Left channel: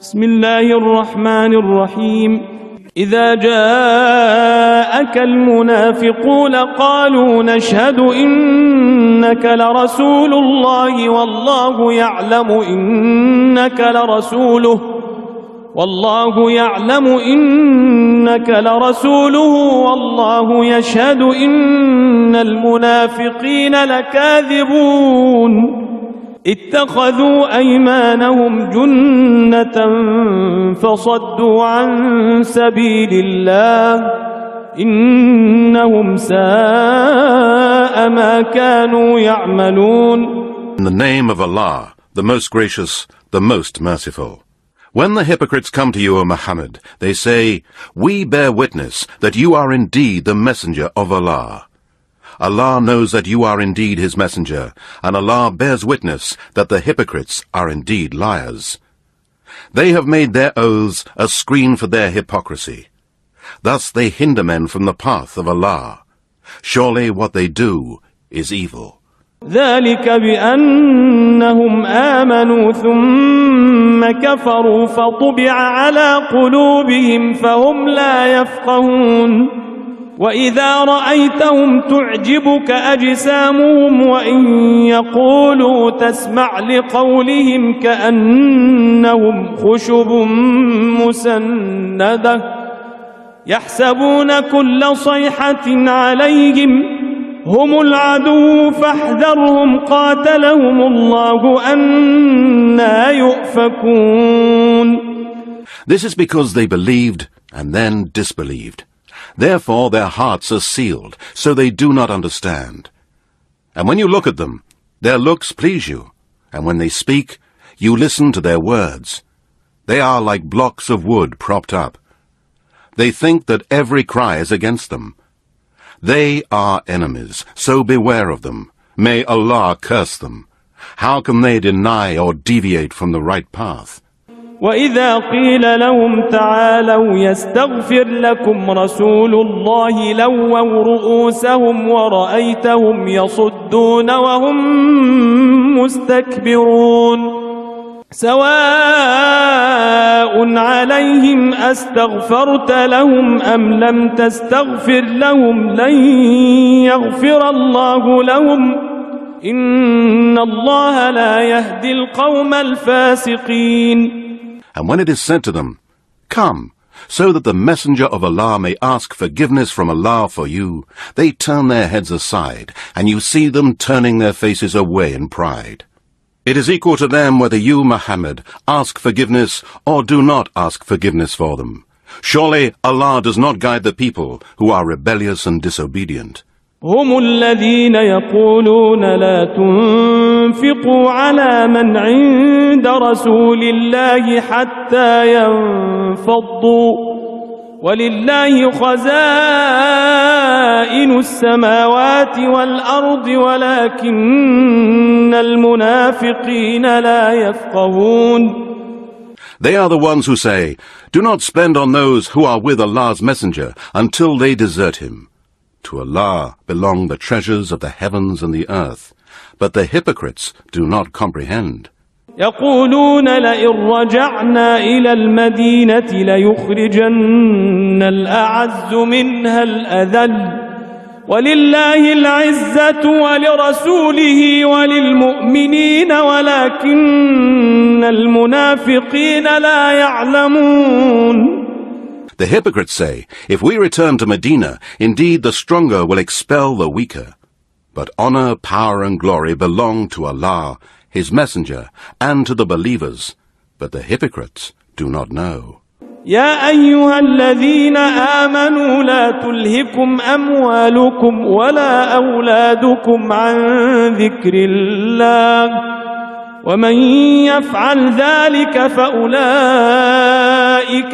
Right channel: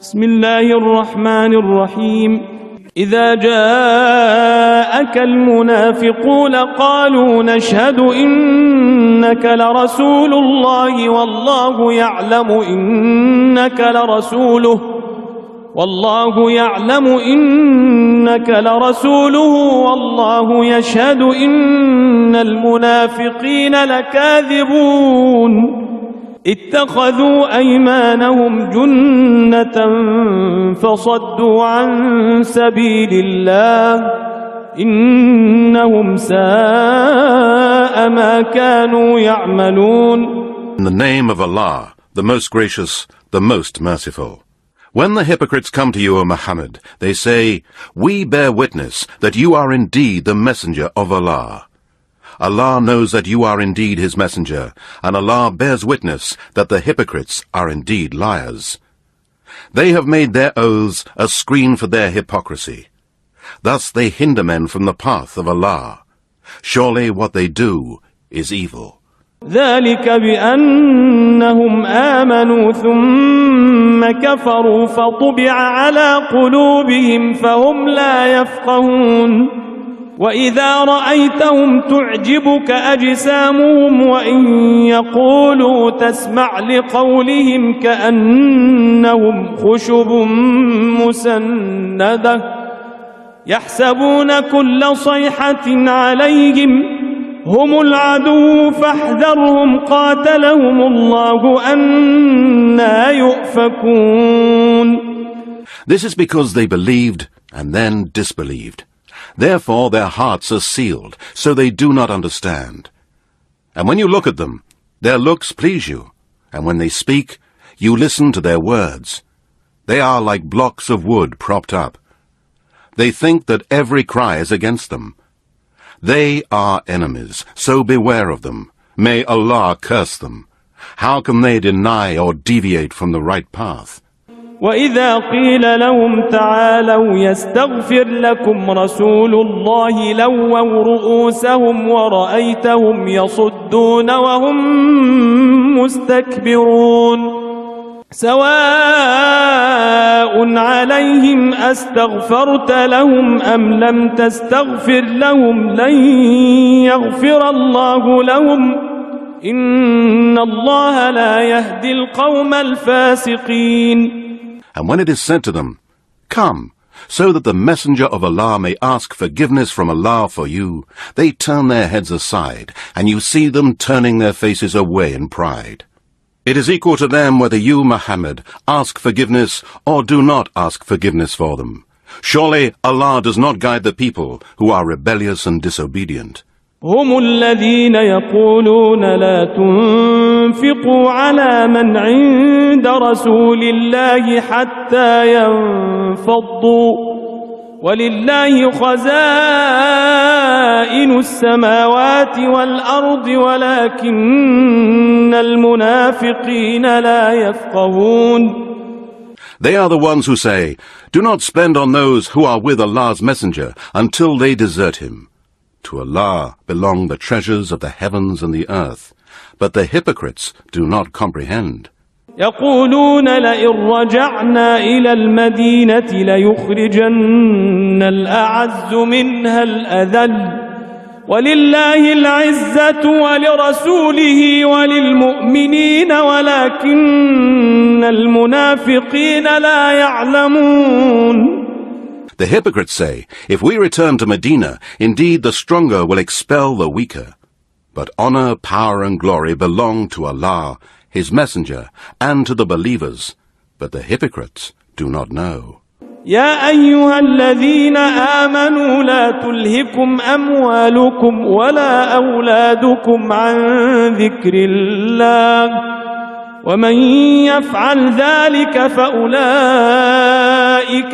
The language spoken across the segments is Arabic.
بسم الله الرحمن الرحيم إذا جاءك المنافقون قالوا نشهد إنك لرسول الله والله يعلم إنك لرسوله والله يشهد إن المنافقين لكاذبون اتخذوا أيمانهم جنة فصدوا عن سبيل الله إنهم ساء ما كانوا يعملون. In the name of Allah, the most gracious, the most merciful. When the hypocrites come to you, O Muhammad, they say, "We bear witness that you are indeed the messenger of Allah." Allah knows that you are indeed his messenger, and Allah bears witness that the hypocrites are indeed liars. They have made their oaths a screen for their hypocrisy. Thus they hinder men from the path of Allah. Surely what they do is evil. ذلك بأنهم آمنوا ثم كفروا فطبع على قلوبهم فهم لا يفقهون وإذا رأيتهم تعجبك أجسامهم وإن يقولوا تسمع لقولهم كأنهم خشب مسندة يحسبون كل صيحة عليهم هم العدو فاحذرهم قاتلهم الله أنى يؤفكون. This is because they believed and then disbelieved. Therefore their hearts are sealed, so they do not understand. And when you look at them, their looks please you, and when they speak, you listen to their words. They are like blocks of wood propped up. They think that every cry is against them. They are enemies, so beware of them. May Allah curse them. How can they deny or deviate from the right path? وَإِذَا قِيلَ لَهُمْ تَعَالَوْا يَسْتَغْفِرْ لَكُمْ رَسُولُ اللَّهِ لَوَّوْا رُؤُوسَهُمْ وَرَأَيْتَهُمْ يَصُدُّونَ وَهُمْ مُسْتَكْبِرُونَ سَوَاءٌ عَلَيْهِمْ أَسْتَغْفَرْتَ لَهُمْ أَمْ لَمْ تَسْتَغْفِرْ لَهُمْ لَنْ يَغْفِرَ اللَّهُ لَهُمْ إِنَّ اللَّهَ لَا يَهْدِي الْقَوْمَ الْفَاسِقِينَ. And when it is said to them, "Come, so that the messenger of Allah may ask forgiveness from Allah for you," they turn their heads aside, and you see them turning their faces away in pride. It is equal to them whether you, Muhammad, ask forgiveness or do not ask forgiveness for them. Surely Allah does not guide the people who are rebellious and disobedient. هم الذين يقولون لا تنفقوا على من عند رسول الله حتى ينفضوا ولله خزائن السماوات والأرض ولكن المنافقين لا يفقهون. They are the ones who say, "Do not spend on those who are with Allah's messenger until they desert him." To Allah belong the treasures of the heavens and the earth, but the hypocrites do not comprehend. يقولون لئن رجعنا إلى المدينة ليخرجن الأعز منها الأذل ولله العزة ولرسوله وللمؤمنين ولكن المنافقين لا يعلمون. The hypocrites say, "If we return to Medina, indeed the stronger will expel the weaker. But honor, power and glory belong to Allah, His Messenger, and to the believers. But the hypocrites do not know." يا أيها الذين آمنوا لا تلهكم أموالكم ولا أولادكم عن ذكر الله ومن يفعل ذلك فأولئك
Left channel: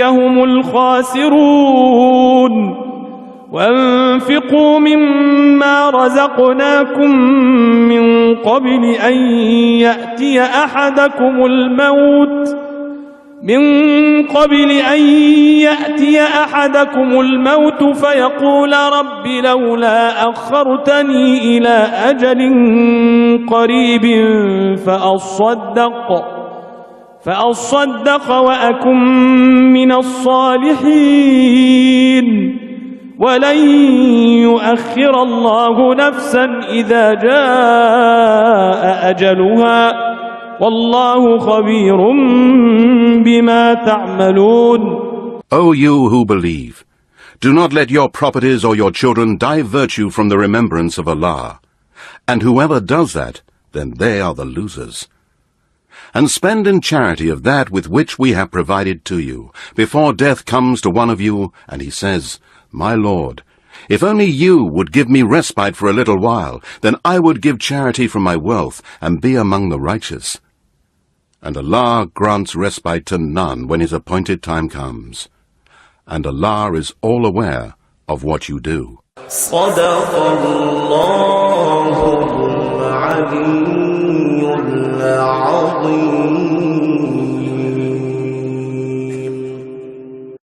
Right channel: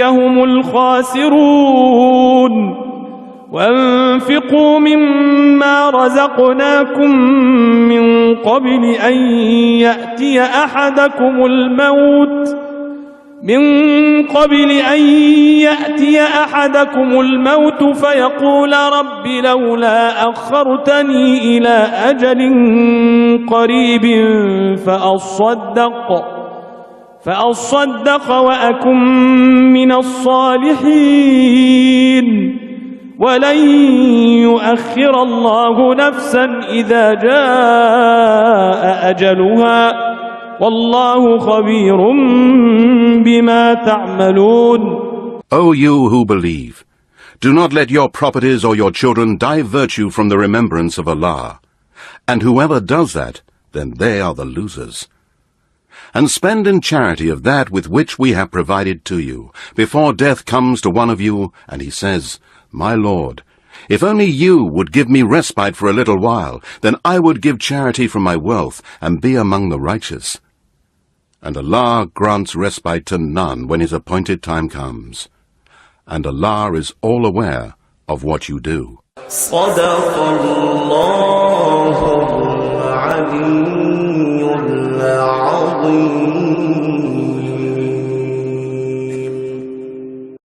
هم الخاسرون. وانفقوا مما رزقناكم من قبل أن يأتي أحدكم الموت فيقول رب لولا أخرتني إلى فأصدق وأكن من الصالحين ولن يؤخر الله نفسا إذا جاء أجلها والله خبير بما تعملون. O you who believe, do not let your properties or your children divert you from the remembrance of Allah. And whoever does that, then they are the losers. And spend in charity of that with which we have provided to you, before death comes to one of you, and he says, My Lord, if only you would give me respite for a little while, then I would give charity from my wealth, and be among the righteous. And Allah grants respite to none when his appointed time comes. And Allah is all aware of what you do. صدق الله العلي العظيم.